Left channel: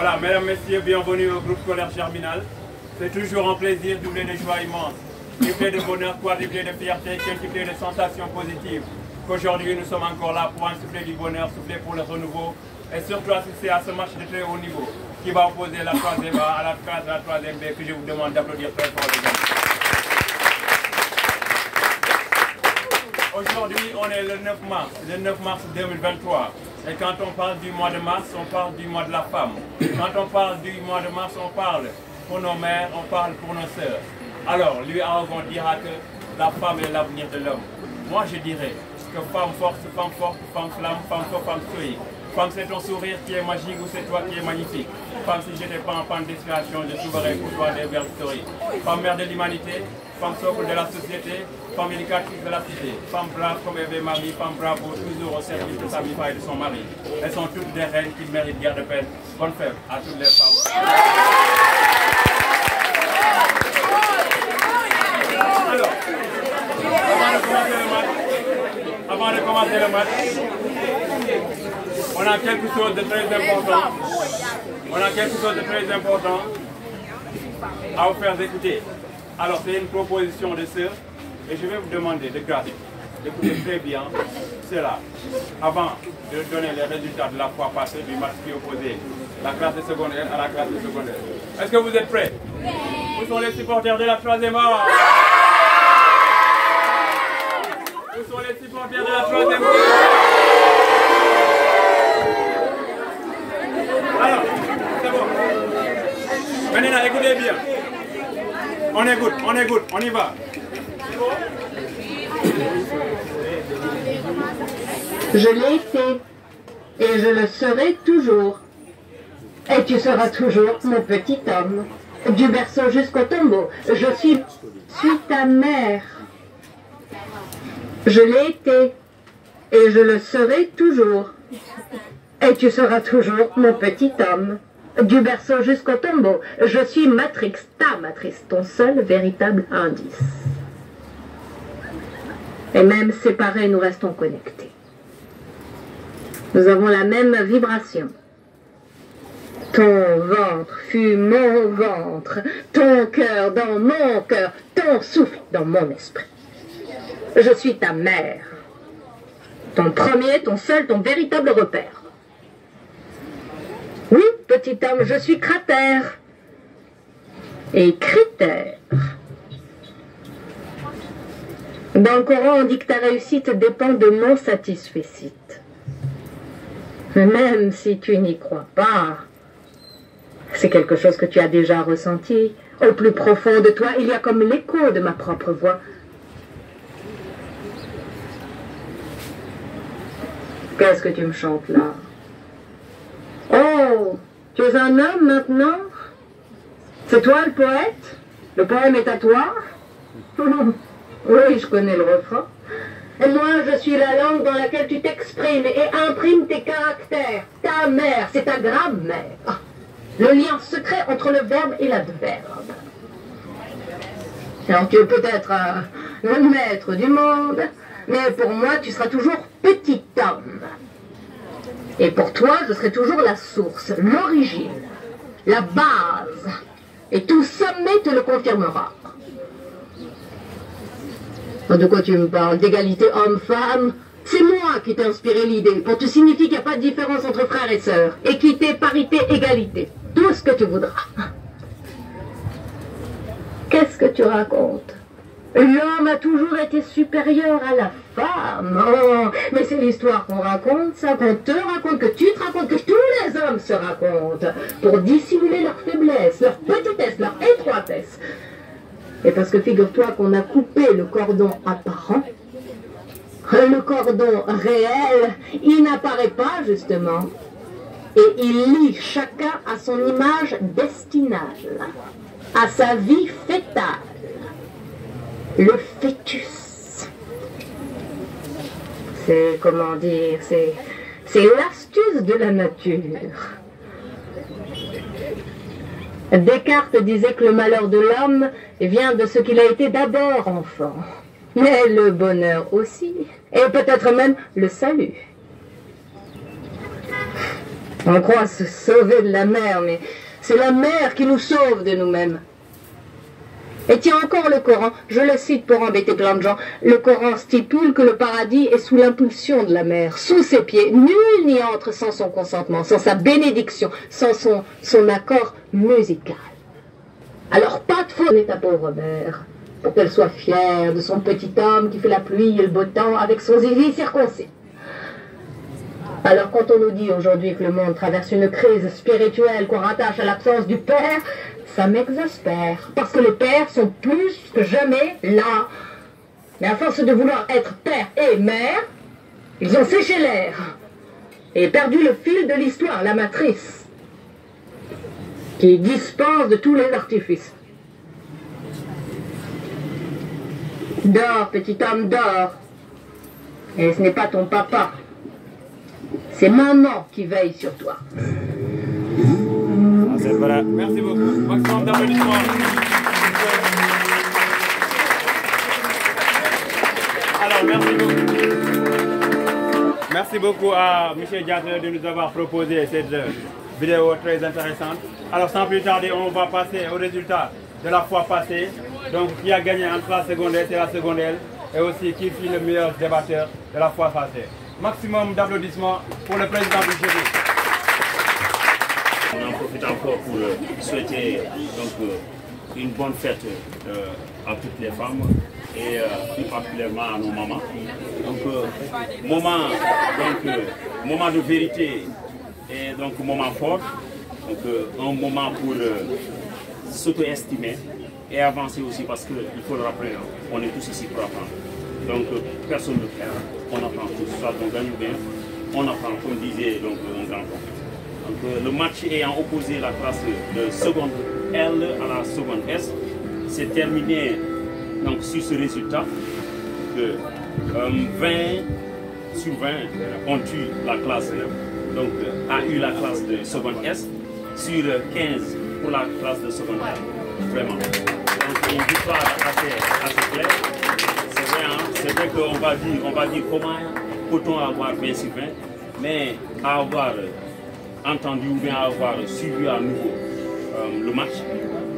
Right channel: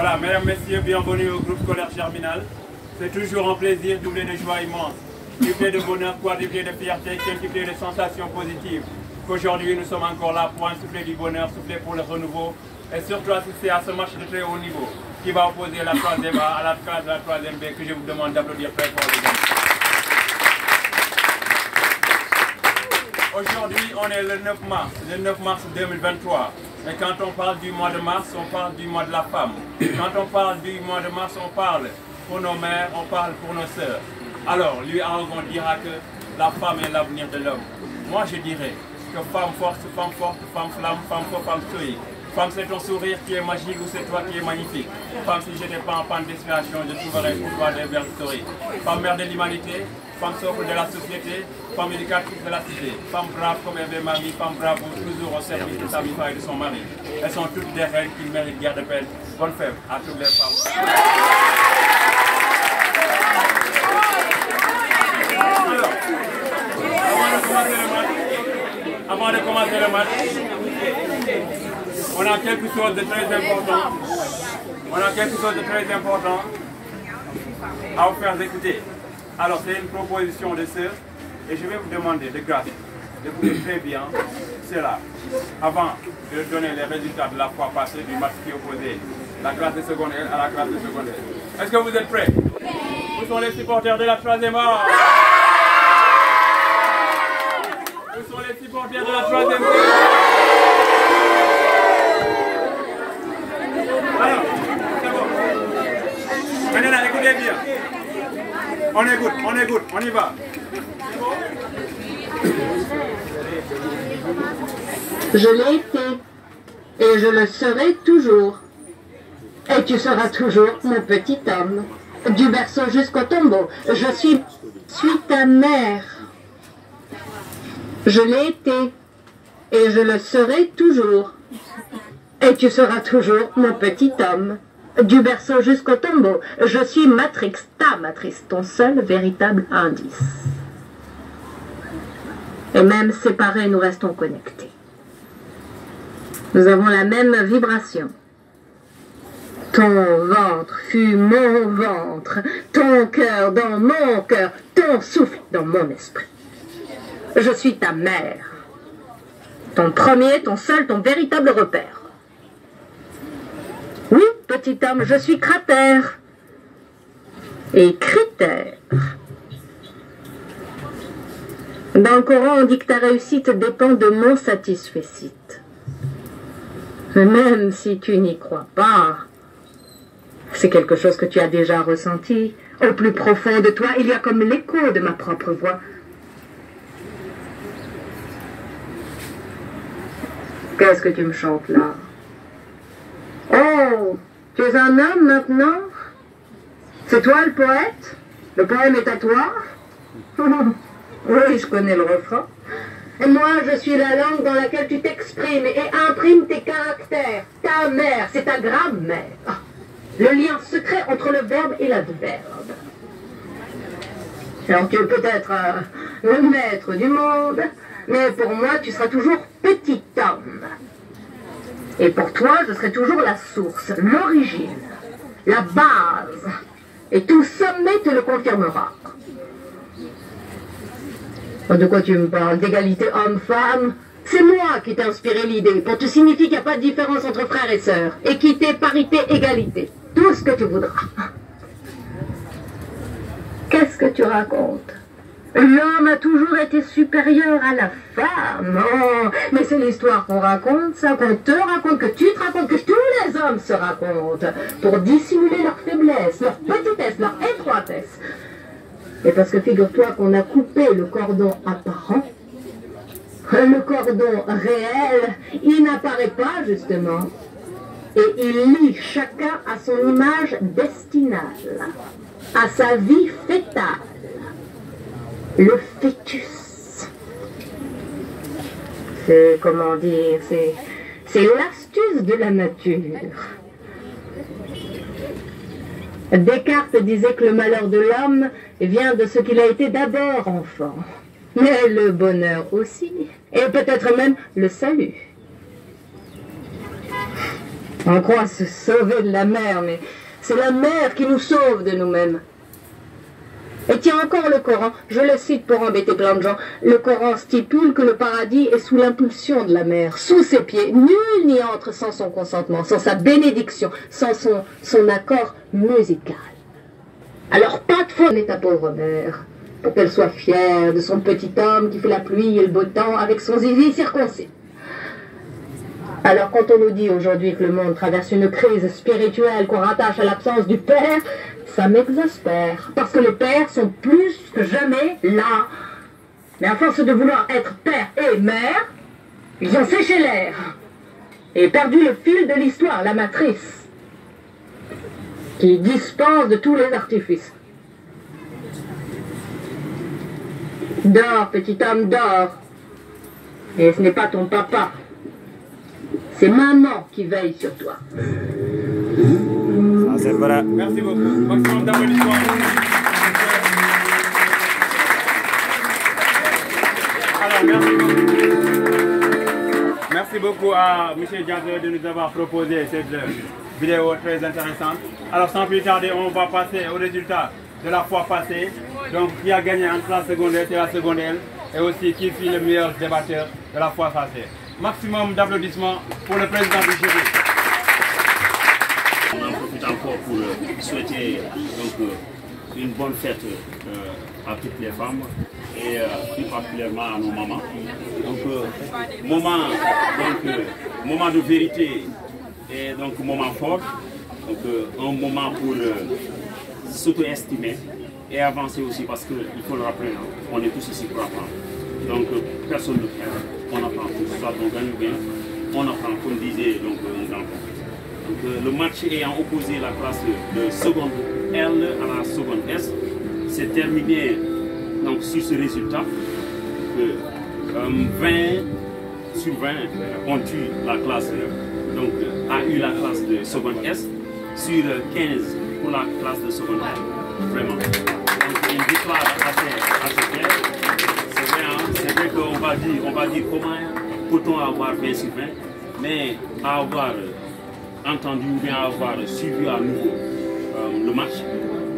Voilà, mesdames, messieurs, bienvenue au groupe scolaire Germinal. C'est toujours un plaisir doublé de joie immense, triplé de bonheur, quadruplé de fierté, quintuplé de sensations positives. Qu'aujourd'hui, nous sommes encore là pour un souffler du bonheur, souffler pour le renouveau et surtout assister à ce match de très haut niveau qui va opposer la 3e A à la classe de la 3e B que je vous demande d'applaudir très fort, les amis. Aujourd'hui, on est le 9 mars 2023. Et quand on parle du mois de mars, on parle du mois de la femme. Quand on parle du mois de mars, on parle pour nos mères, on parle pour nos sœurs. Alors, lui, Aragon dira que la femme est l'avenir de l'homme. Moi, je dirais que femme forte, femme flamme, femme fort, femme stoïque. Femme, c'est ton sourire qui est magique ou c'est toi qui es magnifique. Femme, si je n'étais pas en panne d'inspiration, je trouverais pour toi des vers historiques. Femme, mère de l'humanité, femme socle de la société, femme éducatrice de la cité, femme brave comme Eve Marie, femme bravo toujours au service de sa vie et de son mari. Elles sont toutes des reines qui méritent guère de peine. Bonne fête à toutes les femmes. Alors, avant de commencer le match, on a quelque chose de très important. À vous faire écouter. Alors, c'est une proposition de sœur et je vais vous demander de grâce d'écouter très bien cela avant de donner les résultats de la fois passée du match qui opposait la classe de secondaire à la classe de secondaire. Est-ce que vous êtes prêts? Où sont les supporters de la 3e A? Où sont les supporters de la 3e B? Alors, c'est bon. Maintenant, écoutez bien. On écoute, on y va. Je l'ai été et je le serai toujours. Et tu seras toujours mon petit homme. Du berceau jusqu'au tombeau, je suis ta mère. Je l'ai été et je le serai toujours. Et tu seras toujours mon petit homme. Du berceau jusqu'au tombeau, je suis Matrix, ta matrice, ton seul véritable indice. Et même séparés, nous restons connectés. Nous avons la même vibration. Ton ventre fut mon ventre, ton cœur dans mon cœur, ton souffle dans mon esprit. Je suis ta mère. Ton premier, ton seul, ton véritable repère. Oui, petit homme, je suis cratère. Et critère. Dans le Coran, on dit que ta réussite dépend de mon satisfecit. Même si tu n'y crois pas, c'est quelque chose que tu as déjà ressenti. Au plus profond de toi, il y a comme l'écho de ma propre voix. Qu'est-ce que tu me chantes là? Oh, tu es un homme maintenant? C'est toi le poète? Le poème est à toi? Oui, je connais le refrain. Et moi, je suis la langue dans laquelle tu t'exprimes et imprimes tes caractères. Ta mère, c'est ta grammaire. Le lien secret entre le verbe et l'adverbe. Alors, tu es peut-être le maître du monde, mais pour moi, tu seras toujours petit homme. Et pour toi, je serai toujours la source, l'origine, la base. Et tout sommet te le confirmera. De quoi tu me parles? D'égalité homme-femme? C'est moi qui t'ai inspiré l'idée pour te signifier qu'il n'y a pas de différence entre frères et sœurs. Équité, parité, égalité. Tout ce que tu voudras. Qu'est-ce que tu racontes? L'homme a toujours été supérieur à la femme. Oh, mais c'est l'histoire qu'on raconte, ça, qu'on te raconte, que tu te racontes, que tous les hommes se racontent, pour dissimuler leur faiblesse, leur petitesse, leur étroitesse. Et parce que figure-toi qu'on a coupé le cordon apparent, le cordon réel, il n'apparaît pas justement. Et il lie chacun à son image destinale, à sa vie fétale. Le fœtus. C'est, comment dire, c'est l'astuce de la nature. Descartes disait que le malheur de l'homme vient de ce qu'il a été d'abord enfant. Mais le bonheur aussi, et peut-être même le salut. On croit se sauver de la mer, mais c'est la mer qui nous sauve de nous-mêmes. Et tiens, encore le Coran, je le cite pour embêter plein de gens, le Coran stipule que le paradis est sous l'impulsion de la mer, sous ses pieds. Nul n'y entre sans son consentement, sans sa bénédiction, sans son accord musical. Alors pas de faute n'est ta pauvre mère, pour qu'elle soit fière de son petit homme qui fait la pluie et le beau temps avec son zizi circoncis. Alors quand on nous dit aujourd'hui que le monde traverse une crise spirituelle qu'on rattache à l'absence du Père, ça m'exaspère, parce que les pères sont plus que jamais là. Mais à force de vouloir être père et mère, ils ont séché l'air et perdu le fil de l'histoire, la matrice, qui dispense de tous les artifices. Dors, petit homme, dors. Et ce n'est pas ton papa. C'est maman qui veille sur toi. C'est vrai. Merci beaucoup. Maximum d'applaudissements. Alors, merci beaucoup à M. Diaté de nous avoir proposé cette vidéo très intéressante. Alors, sans plus tarder, on va passer au résultat de la fois passée. Donc, qui a gagné entre la secondaire, c'est la secondaire. Et aussi, qui fut le meilleur débatteur de la fois passée. Maximum d'applaudissements pour le président du jury. On en profite encore pour souhaiter donc, une bonne fête à toutes les femmes et plus particulièrement à nos mamans. Donc, moment de vérité et donc moment fort, donc un moment pour s'auto-estimer et avancer aussi parce qu'il faut le rappeler, on est tous ici pour apprendre. Donc personne ne perd, on apprend tous, soit on gagne bien, on apprend comme disait donc, un grand homme. Donc, le match ayant opposé la classe de seconde L à la seconde S s'est terminé donc, sur ce résultat que 20 sur 20 ont eu la classe, donc a eu la classe de seconde S sur 15 pour la classe de seconde L. Vraiment. Donc une victoire assez claire. C'est vrai qu'on va dire comment peut-on avoir 20 sur 20, mais à avoir entendu ou bien avoir suivi à nouveau le match,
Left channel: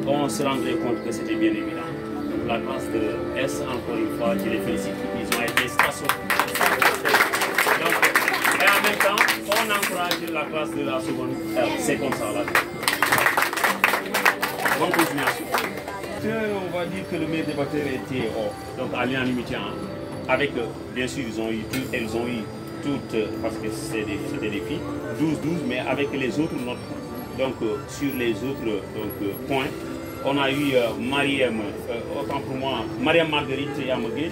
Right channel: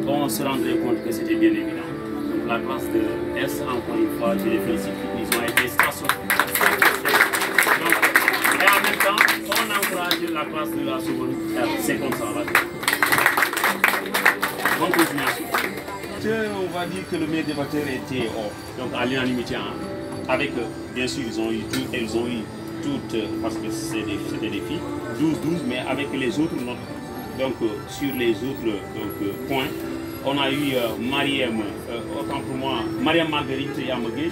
on se rendrait compte que c'était bien évident. Donc la classe de S, encore une fois, je les félicite, ils ont été stationnaires. Et en même temps, on encourage la classe de la seconde L, c'est comme ça là. Bonne continuation. On va dire que le meilleur débatteur était donc à l'unanimité, avec bien sûr elles ont eu toutes, parce que c'était des filles, 12-12, mais avec les autres notes. Donc sur les autres points, on a eu Mariam, autant pour moi, Mariam Marguerite Yamogué.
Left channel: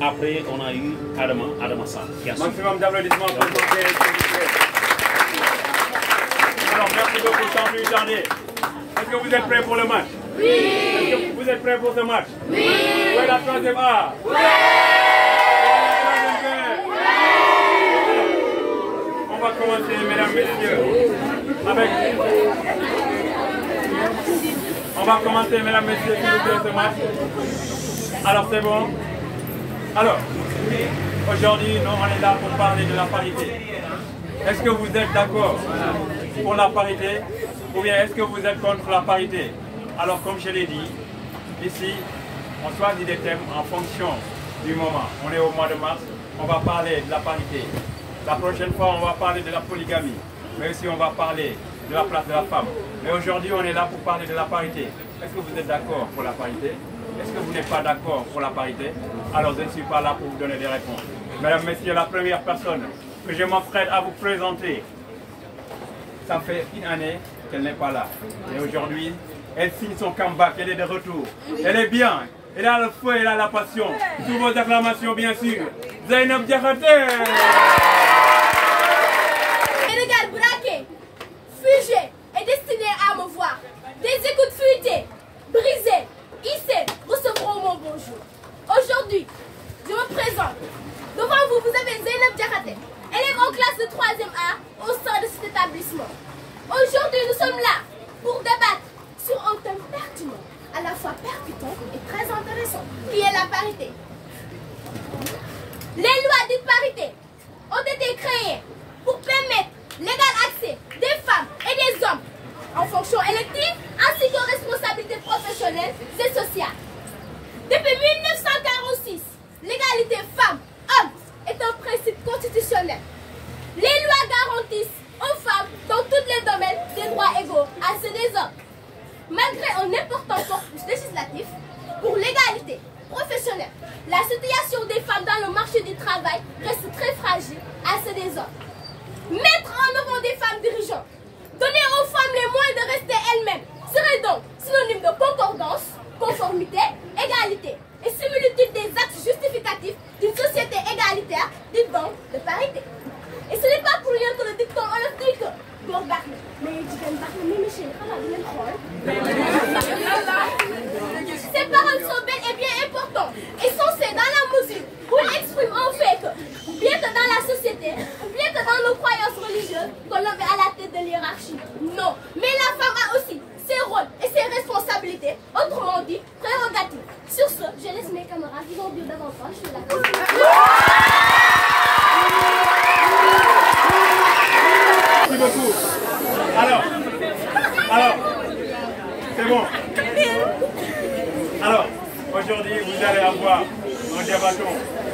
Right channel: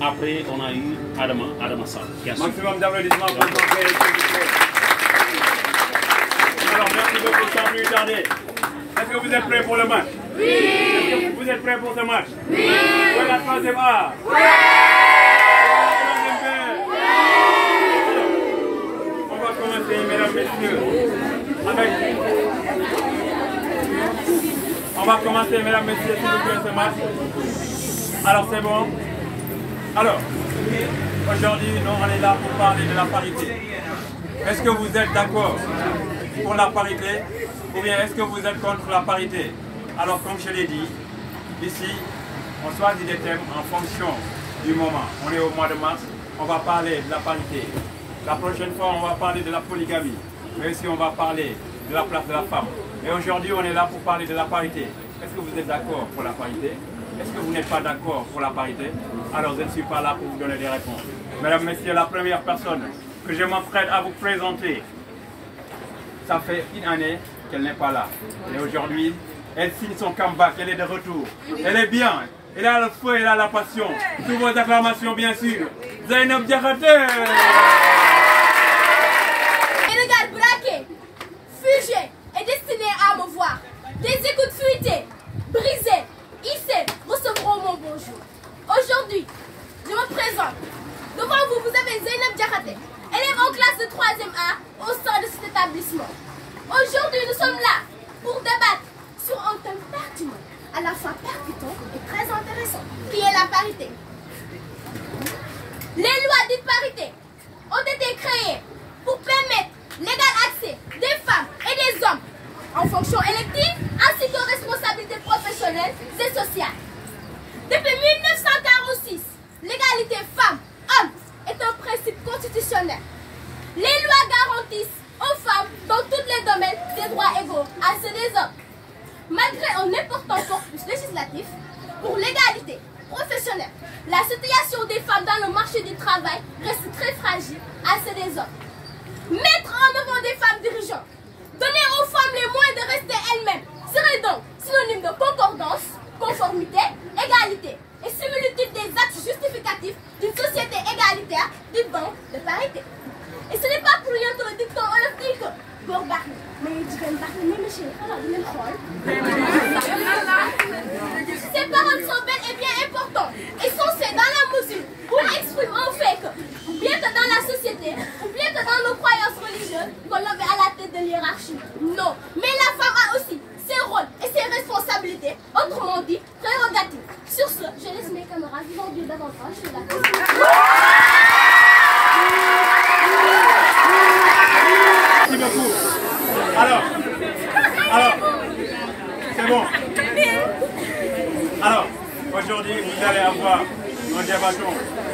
Après, on a eu Adama Sarr. Maximum d'applaudissements pour vous. Alors, merci beaucoup, sans plus tarder. Est-ce que vous êtes prêts pour le match? Oui. Est-ce que vous êtes prêts pour ce match? Oui. Où est la troisième A? Oui. Où est la troisième B? Oui. On va commencer, mesdames, messieurs. On va commencer, mesdames, messieurs, s'il vous plaît, ce match. Alors, c'est bon? Alors, aujourd'hui, nous, on est là pour parler de la parité. Est-ce que vous êtes d'accord pour la parité ou bien est-ce que vous êtes contre la parité? Alors, comme je l'ai dit, ici, on choisit des thèmes en fonction du moment. On est au mois de mars, on va parler de la parité. La prochaine fois, on va parler de la polygamie, mais aussi on va parler de la place de la femme. Mais aujourd'hui, on est là pour parler de la parité. Est-ce que vous êtes d'accord pour la parité? Est-ce que vous n'êtes pas d'accord pour la parité? Alors je ne suis pas là pour vous donner des réponses. Mesdames, Messieurs, la première personne que je m'apprête à vous présenter, ça fait une année qu'elle n'est pas là. Et aujourd'hui, elle signe son comeback, elle est de retour. Elle est bien, elle a le feu, elle a la passion. Sous vos acclamations, bien sûr. Zainab Diakhaté. Les regards braqués, figés et destinés à me voir. Des écoutes fuitées, brisées, hissées, recevront mon bonjour. Aujourd'hui, je me présente. Devant vous, vous avez Zainab Diakhaté, élève en classe de 3e A au sein de cet établissement. Aujourd'hui, nous sommes là pour débattre sur un thème pertinent, à la fois percutant et très intéressant, qui est la parité. Les lois de parité ont été créées pour permettre l'égal accès des femmes et des hommes en fonction élective, ainsi qu'aux responsabilités professionnelles et sociales. Depuis 1946, l'égalité femmes-hommes est un principe constitutionnel. Les lois garantissent aux femmes dans tous les domaines des droits égaux à ceux des hommes. Malgré un important corpus législatif pour l'égalité professionnelle, la situation des femmes dans le marché du travail reste très fragile à ceux des hommes. Mettre en avant des femmes dirigeantes, donner aux femmes les moyens de rester elles-mêmes, serait donc synonyme de concordance, conformité, égalité et similitude des actes justificatifs d'une société égalitaire dite donc de parité. Et ce n'est pas pour rien que le dicton olympique ces paroles sont bel et bien importantes et sensées dans la mesure où elles expriment en fait que, bien que dans la société, ou bien que dans nos croyances religieuses, qu'on l'homme est à la tête de l'hiérarchie. Non, mais la femme a aussi ses rôles et ses responsabilités, autrement dit, prérogatives. Sur ce, je laisse mes camarades vous en dire davantage sur la question. Merci beaucoup. Alors, c'est bon. Alors, aujourd'hui, vous allez avoir un débatton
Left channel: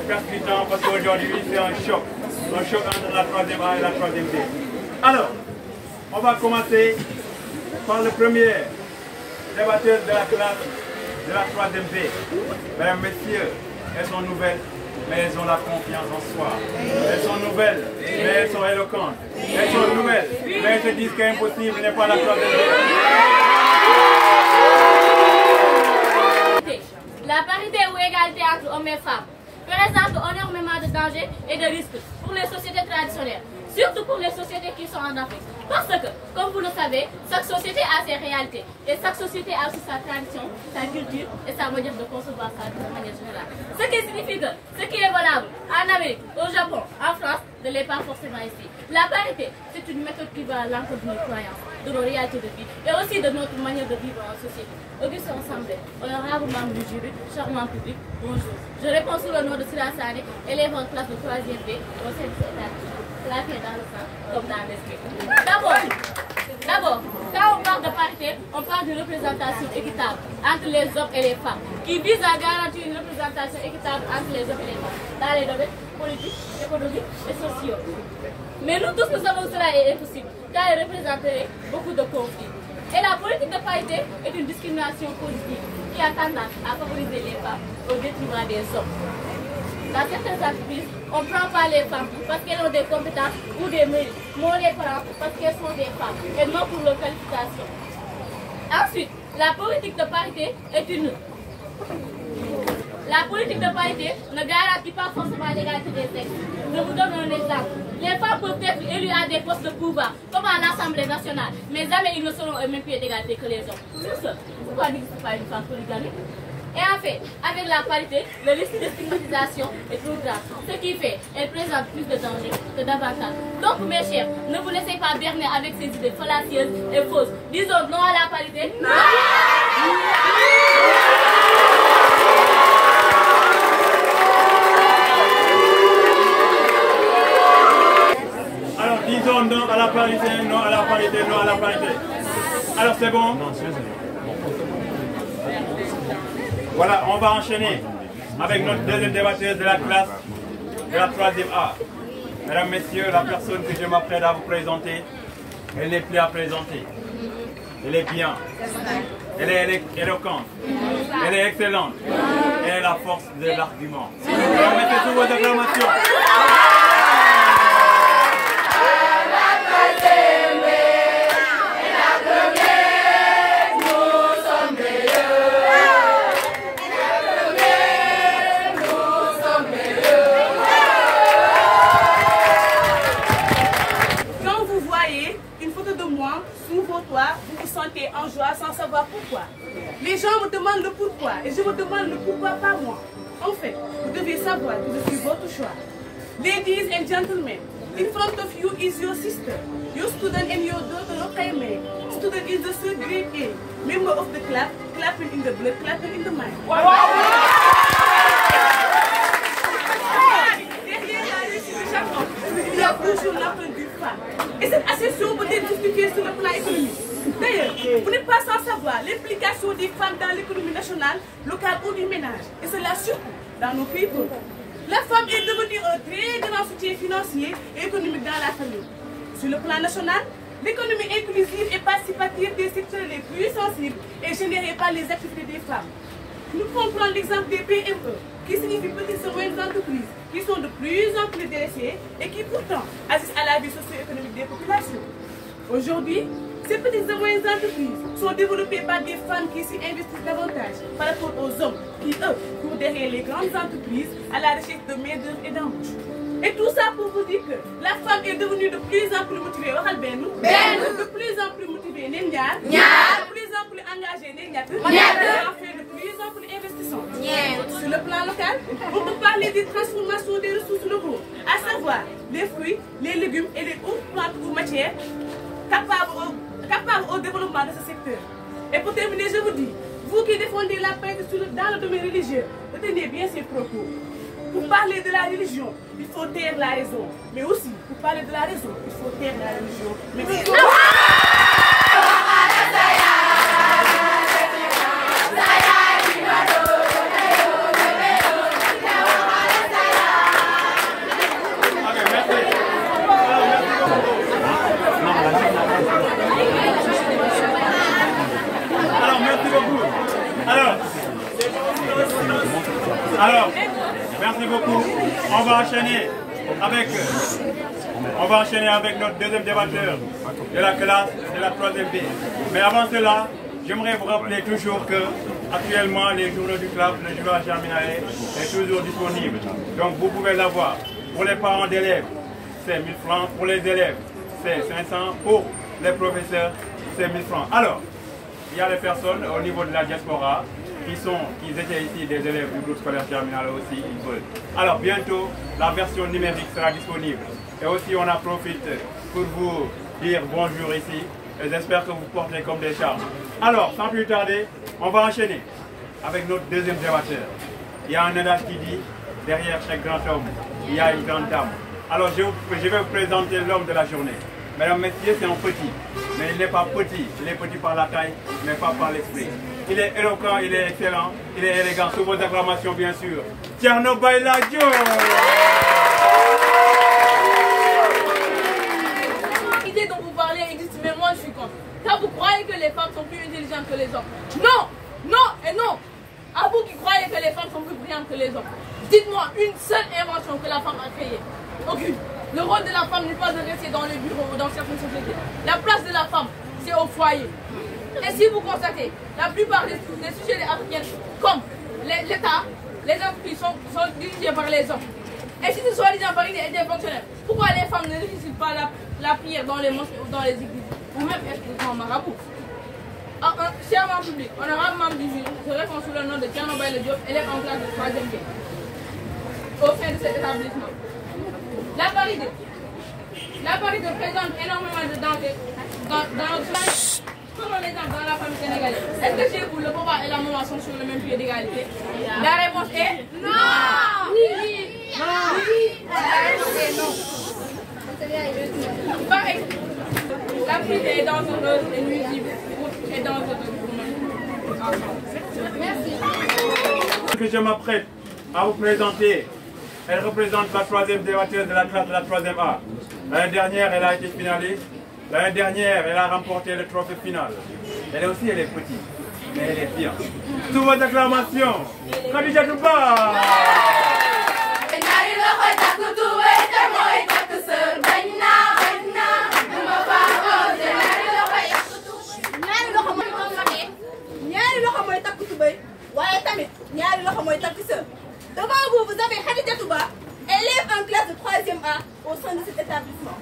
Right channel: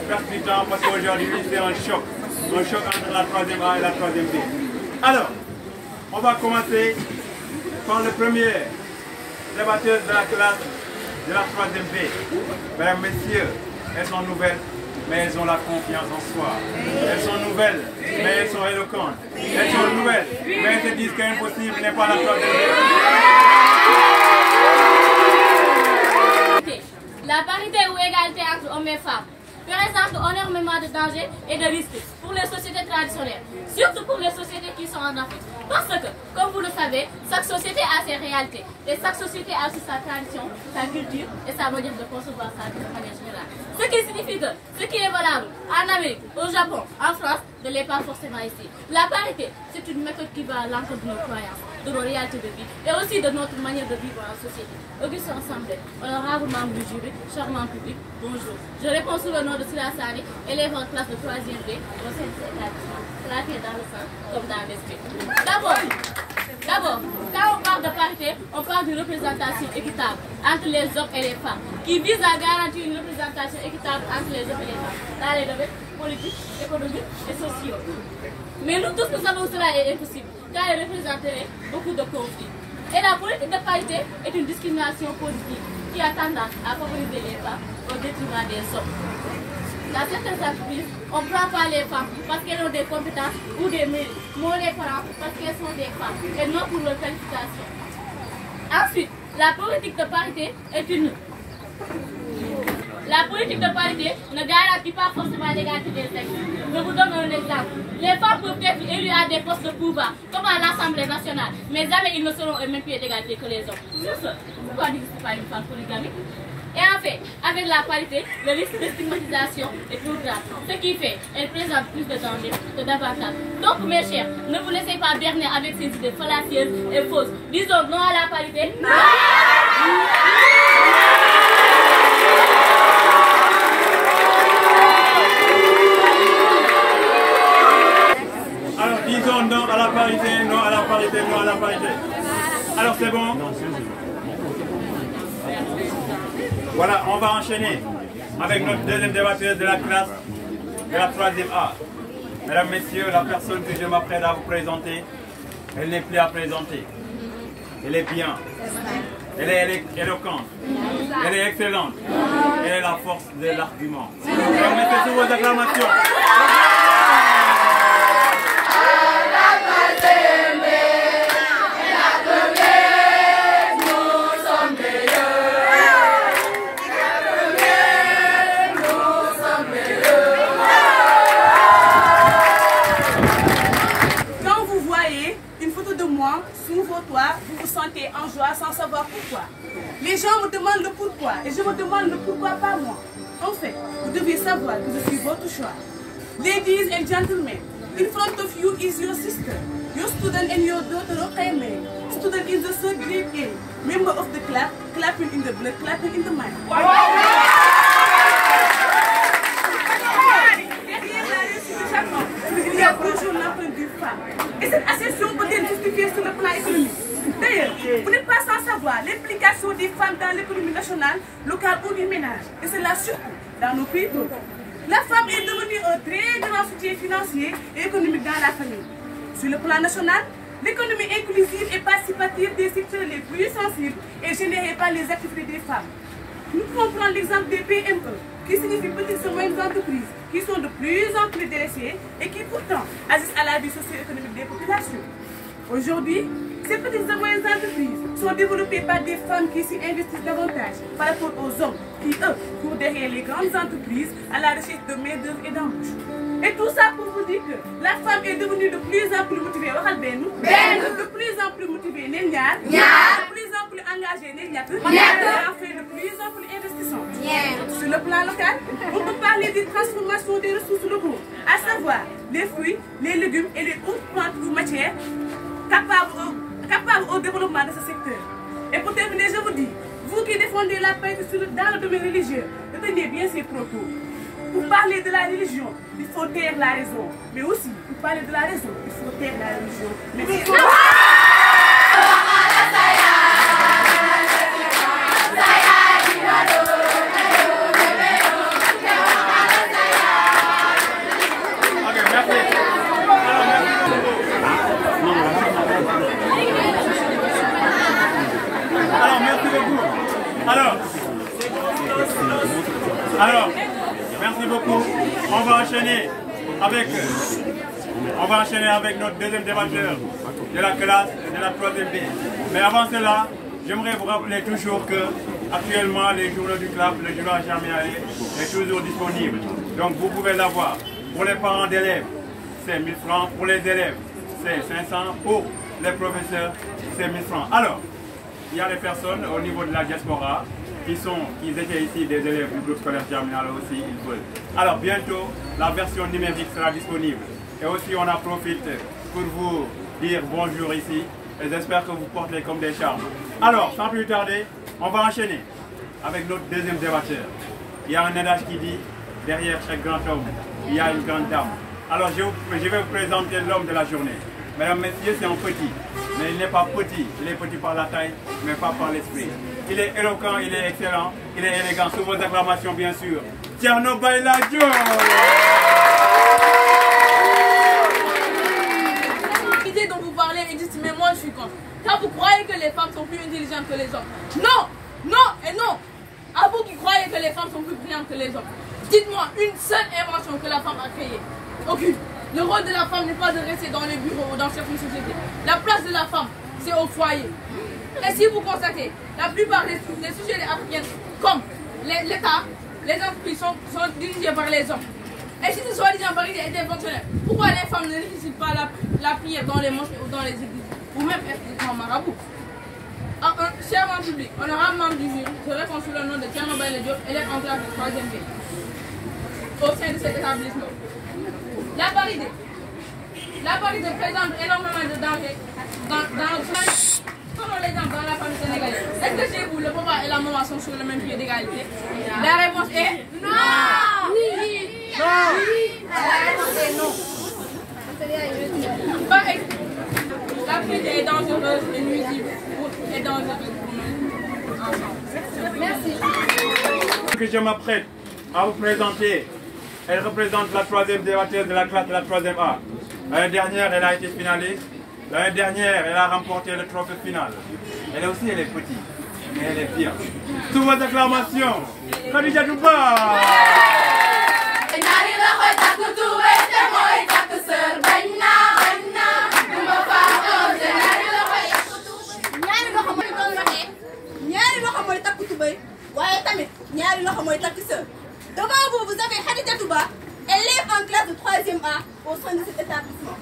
percutant parce qu'aujourd'hui, c'est un choc entre la 3e A et la 3e B. Alors, on va commencer par le premier débatteur de la classe de la 3e B. Mesdames, messieurs, elles sont nouvelles, mais elles ont la confiance en soi. Elles sont nouvelles, mais elles sont éloquentes. Elles sont nouvelles, mais elles se disent qu'impossible n'est pas la 3e B. La parité ou égalité entre hommes et femmes présente énormément de dangers et de risques pour les sociétés traditionnelles, surtout pour les sociétés qui sont en Afrique. Parce que, comme vous le savez, chaque société a ses réalités et chaque société a aussi sa tradition, sa culture et sa manière de concevoir sa vie de manière générale. Ce qui signifie que ce qui est valable en Amérique, au Japon, en France, ne l'est pas forcément ici. La parité, c'est une méthode qui va à l'encontre de nos croyances, de nos réalités de vie et aussi de notre manière de vivre en société. Auguste Ensemble, honorable membre du jury, charmant public, bonjour. Je réponds sous le nom de Sila Sani, élève en classe de 3e B au sein de cet établissement, plaqué dans le sang comme dans l'esprit. D'abord, quand on parle de parité, on parle d'une représentation équitable entre les hommes et les femmes, qui vise à garantir une représentation équitable entre les hommes et les femmes, dans les domaines politiques, économiques et sociaux. Mais nous tous, nous savons que cela est impossible, car elle représenterait beaucoup de conflits. Et la politique de parité est une discrimination positive qui a tendance à favoriser les femmes au détriment des hommes. Dans certaines entreprises, on ne prend pas les femmes parce qu'elles ont des compétences ou des mérites, mais on les prend parce qu'elles sont des femmes et non pour leur qualification. Ensuite, la politique de parité est une... La politique de parité ne garantit pas forcément l'égalité des sexes. Je vous donne un exemple. Les femmes peuvent être élues à des postes de pouvoir, comme à l'Assemblée nationale, mais jamais ils ne seront au même pied d'égalité que les hommes. Sur ce, pourquoi n'existe pas une femme polygamique? Et en fait, avec la parité, le risque de stigmatisation est plus grave. Ce qui fait qu'elle présente plus de danger que d'avantages. Donc, mes chers, ne vous laissez pas berner avec ces idées fallacieuses et fausses. Disons non à la parité. Non. Alors, disons non à la parité, non à la parité, non à la parité. Alors, c'est bon? Voilà, on va enchaîner avec notre deuxième débatteuse de la classe de la 3e A. Mesdames, Messieurs, la personne que je m'apprête à vous présenter, elle n'est plus à présenter. Elle est bien. Elle est éloquente. Elle est excellente. Elle est la force de l'argument. Alors, mettez sous vos acclamations. Vous vous sentez en joie sans savoir pourquoi. Les gens me demandent le pourquoi et je me demande le pourquoi pas moi. En fait, vous devez savoir que je suis votre choix. Ladies and gentlemen, in front of you is your sister, your student and your daughter Rokaime, student in the 3rd grade A, member of the club, clapping in the blood, clapping in the mind. Derrière la réussite de chaque homme, il y a toujours l'apprenti d'une femme. Et cette accession peut être justifiée sur le plan économique. D'ailleurs, vous n'êtes pas sans savoir l'implication des femmes dans l'économie nationale, locale ou du ménage. Et cela surtout dans nos pays pauvres. La femme est devenue un très grand soutien financier et économique dans la famille. Sur le plan national, l'économie inclusive et participative des secteurs les plus sensibles est générée par les activités des femmes. Nous pouvons prendre l'exemple des PME, qui signifie petites et moyennes entreprises, qui sont de plus en plus délaissées et qui pourtant agissent à la vie socio-économique des populations. Aujourd'hui, ces petites et moyennes entreprises sont développées par des femmes qui s'y investissent davantage par rapport aux hommes qui, eux, courent derrière les grandes entreprises à la recherche de main-d'œuvre et d'embauche. Et tout ça pour vous dire que la femme est devenue de plus en plus motivée, de plus en plus motivée, de plus en plus engagée, et enfin de plus en plus investissante. Sur le plan local, on peut parler des transformations des ressources locaux, à savoir les fruits, les légumes et les autres plantes ou matières capables au développement de ce secteur. Et pour terminer, je vous dis, vous qui défendez la paix dans le domaine religieux, retenez bien ces propos. Pour parler de la religion, il faut taire la raison. Mais aussi, pour parler de la raison, il faut taire la religion. Merci. Alors, merci beaucoup. Alors, merci beaucoup. On va enchaîner avec notre deuxième débatteur de la classe de la 3e B. Mais avant cela, j'aimerais vous rappeler toujours que actuellement les journaux du club, le journal Germinal est toujours disponible. Donc vous pouvez l'avoir. Pour les parents d'élèves, c'est 1000 francs. Pour les élèves, c'est 500. Pour les professeurs, c'est 1000 francs. Alors, il y a des personnes au niveau de la diaspora qui étaient ici des élèves du groupe scolaire Germinal aussi, ils veulent. Alors bientôt, la version numérique sera disponible. Et aussi, on en profite pour vous dire bonjour ici. Et j'espère que vous portez comme des charmes. Alors, sans plus tarder, on va enchaîner avec notre deuxième débatteur. Il y a un adage qui dit, derrière chaque grand homme, il y a une grande dame. Alors, je vais vous présenter l'homme de la journée. Mesdames, messieurs, c'est un petit. Mais il n'est pas petit. Il est petit par la taille, mais pas par l'esprit. Il est éloquent, il est excellent, il est élégant. Sous vos acclamations, bien sûr. Thierno Bayladjo. L'idée dont vous parlez existe, mais moi je suis contre. Car vous croyez que les femmes sont plus intelligentes que les hommes. Non, non et non. À vous qui croyez que les femmes sont plus brillantes que les hommes. Dites-moi une seule invention que la femme a créée. Aucune. Le rôle de la femme n'est pas de rester dans les bureaux ou dans certaines sociétés. La place de la femme, c'est au foyer. Et si vous constatez, la plupart des sujets africains, comme l'État, les entreprises sont dirigées par les hommes. Et si ce soi-disant parité était fonctionnel, pourquoi les femmes ne réussissent pas la prière dans les mosquées ou dans les églises, ou même être en marabout? Chers public, honorable membre du jury, je réponds sous le nom de Thierno Bayladjo, élève en classe de 3e B, au sein de cet établissement. La parité présente énormément de dangers dans notre famille. Prenons l'exemple dans la famille sénégalaise. Est-ce que chez vous, le papa et la maman sont sur le même pied d'égalité? La réponse est non. Oui. Non. La réponse est non. Par exemple, la parité est dangereuse et nuisible et dangereuse pour nous ensemble. Merci. Que je m'apprête à vous présenter, elle représente la 3e débatteuse de la classe de la 3e A. L'année dernière, elle a été finaliste. L'année dernière, elle a remporté le trophée final. Elle est petite, mais elle est bien. Sous vos acclamations, Khadija Touba. Devant vous, vous avez Khadija Touba, élève en classe de 3e A au sein de cet établissement.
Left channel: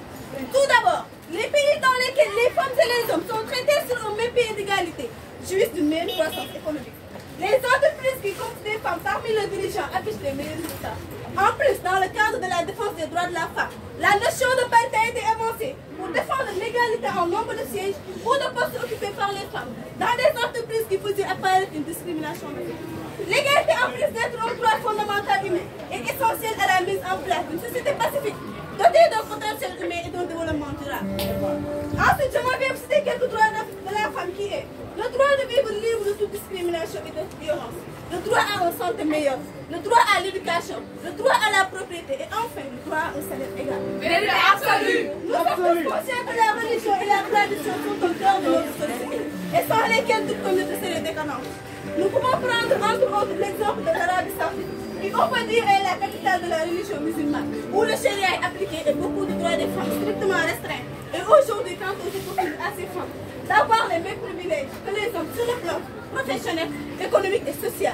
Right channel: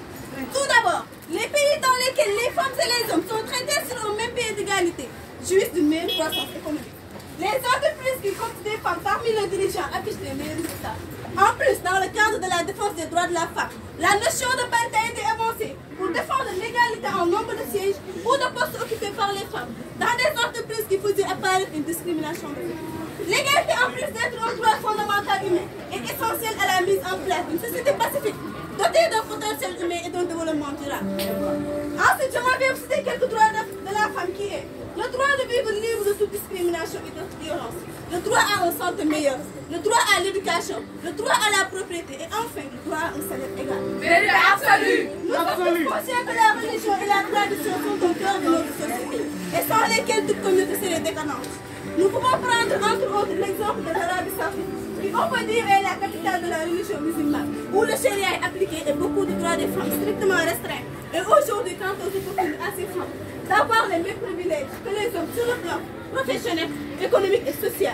Tout d'abord, les pays dans lesquels les femmes et les hommes sont traités sur un même pied d'égalité jouissent d'une même croissance économique. Les entreprises qui comptent des femmes parmi les dirigeants affichent les meilleurs résultats. En plus, dans le cadre de la défense des droits de la femme, la notion de parité a été énoncée pour défendre l'égalité en nombre de sièges ou de postes occupés par les femmes dans des entreprises qui faisaient apparaître une discrimination. L'égalité, en plus d'être un droit fondamental humain, est essentielle à la mise en place d'une société pacifique, dotée d'un potentiel humain et d'un développement durable. Ensuite, j'aimerais vous citer quelques droits de la femme qui est le droit de vivre libre de toute discrimination et de toute violence, le droit à une santé meilleure, le droit à l'éducation, le droit à la propriété et enfin le droit à un salaire égal. Vérité absolue! Nous sommes tous conscients que la religion et la tradition sont au cœur de notre société et sans lesquelles toute communauté serait décadente. Nous pouvons prendre entre autres l'exemple de l'Arabie Saoudite, qui on peut dire est la capitale de la religion musulmane, où le charia est appliqué et beaucoup de droits des femmes strictement restreints. Et aujourd'hui, quant aux opportunités à ces femmes d'avoir les mêmes privilèges que les hommes sur le plan professionnel, économique et social.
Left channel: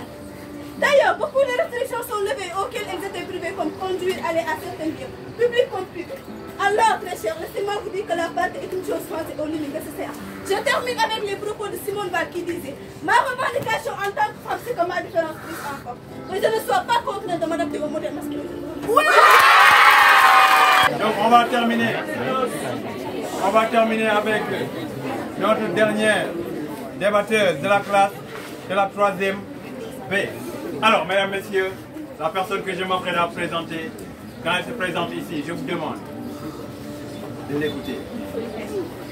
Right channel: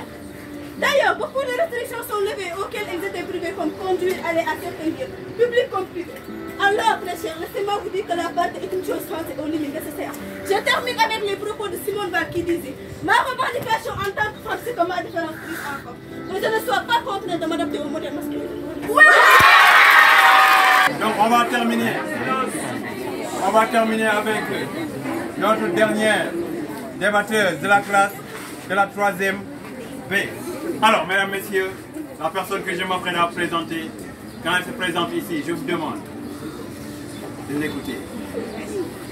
D'ailleurs, beaucoup de restrictions sont levées auxquelles elles étaient privées, comme conduire, aller à certains lieux, publics comme privés. Alors, très chers, laissez-moi vous dire que la parité est une chose française aux limites nécessaires. Je termine avec les propos de Simone Weil qui disait: ma revendication en tant que femme, c'est que ma différence plus encore. Que je ne sois pas contrainte de m'adapter au modèle masculin. Oui. Donc, on va terminer. On va terminer avec notre dernière débatteuse de la classe de la 3e B. Alors, mesdames, messieurs, la personne que je m'apprête à présenter, quand elle se présente ici, je vous demande de l'écouter.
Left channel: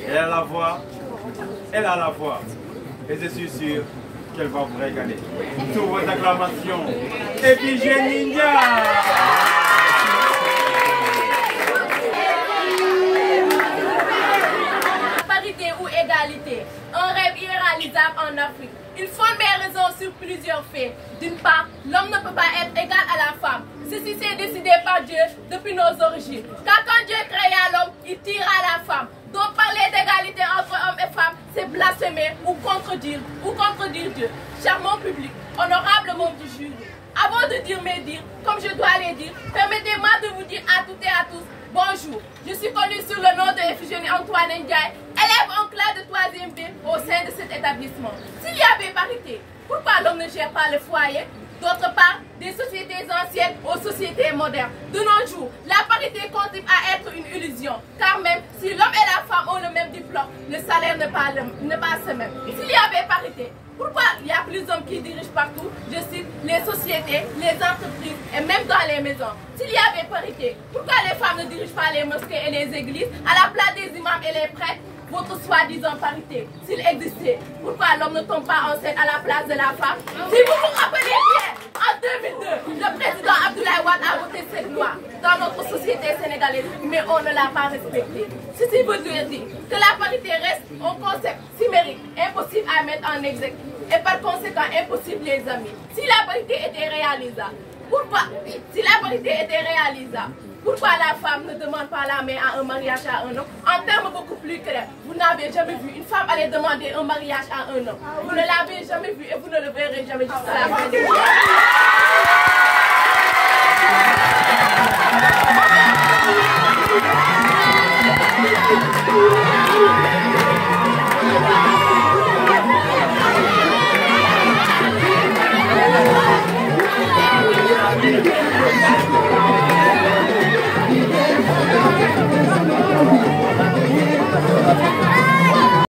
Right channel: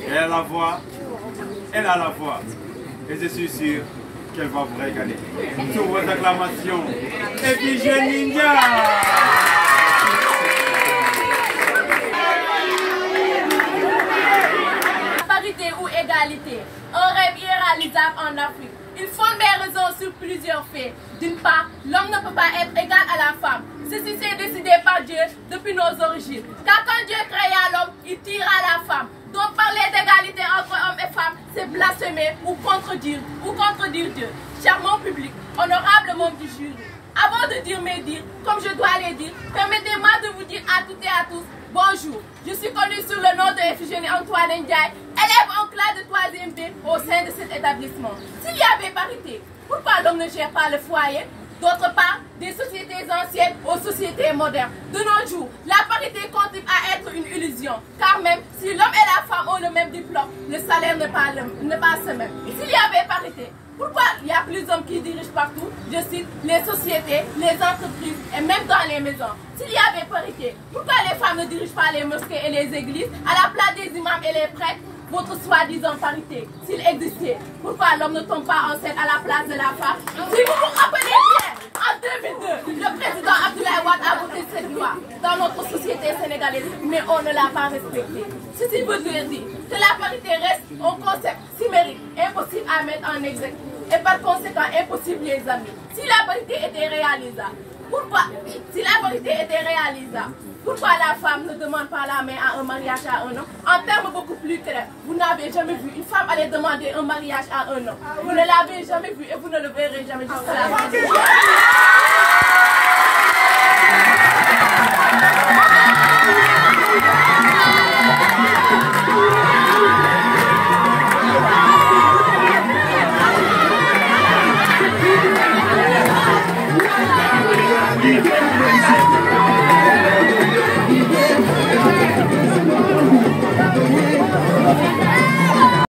Elle a la voix, et je suis sûr qu'elle va vous régaler. Sous vos acclamations, Ephigénie Ndia! Ou égalité, un rêve irréalisable en Afrique. Il fonde mes raisons sur plusieurs faits. D'une part, l'homme ne peut pas être égal à la femme. Ceci s'est décidé par Dieu depuis nos origines. Car quand Dieu créa l'homme, il tira la femme. Donc parler d'égalité entre hommes et femmes, c'est blasphémer ou contredire Dieu. Charmant public, honorable membre du jury, avant de dire mes dires, comme je dois les dire, permettez-moi de vous dire à toutes et à tous, bonjour. Je suis connue sous le nom de Ephigénie Antoine Ndiaye, élève en classe de 3e B au sein de cet établissement. S'il y avait parité, pourquoi l'homme ne gère pas le foyer? D'autre part, des sociétés anciennes aux sociétés modernes. De nos jours, la parité continue à être une illusion. Car même si l'homme et la femme ont le même diplôme, le salaire n'est pas ce même. S'il y avait parité, pourquoi il y a plus d'hommes qui dirigent partout? Je cite, les sociétés, les entreprises et même dans les maisons. S'il y avait parité, pourquoi les femmes ne dirigent pas les mosquées et les églises à la place des imams et les prêtres? Votre soi-disant parité, s'il existait, pourquoi l'homme ne tombe pas enceinte à la place de la femme? Si vous vous rappelez bien, en 2002, le président Abdoulaye Wade a voté cette loi dans notre société sénégalaise, mais on ne l'a pas respectée. Ceci veut dire que la parité reste un concept chimérique, impossible à mettre en exécution et par conséquent impossible les amis. Si la parité était réalisable, pourquoi la femme ne demande pas la main à un mariage à un homme? En termes beaucoup plus clairs, vous n'avez jamais vu une femme aller demander un mariage à un homme. Vous ne l'avez jamais vu et vous ne le verrez jamais jusqu'à la fin des jours. Yeah.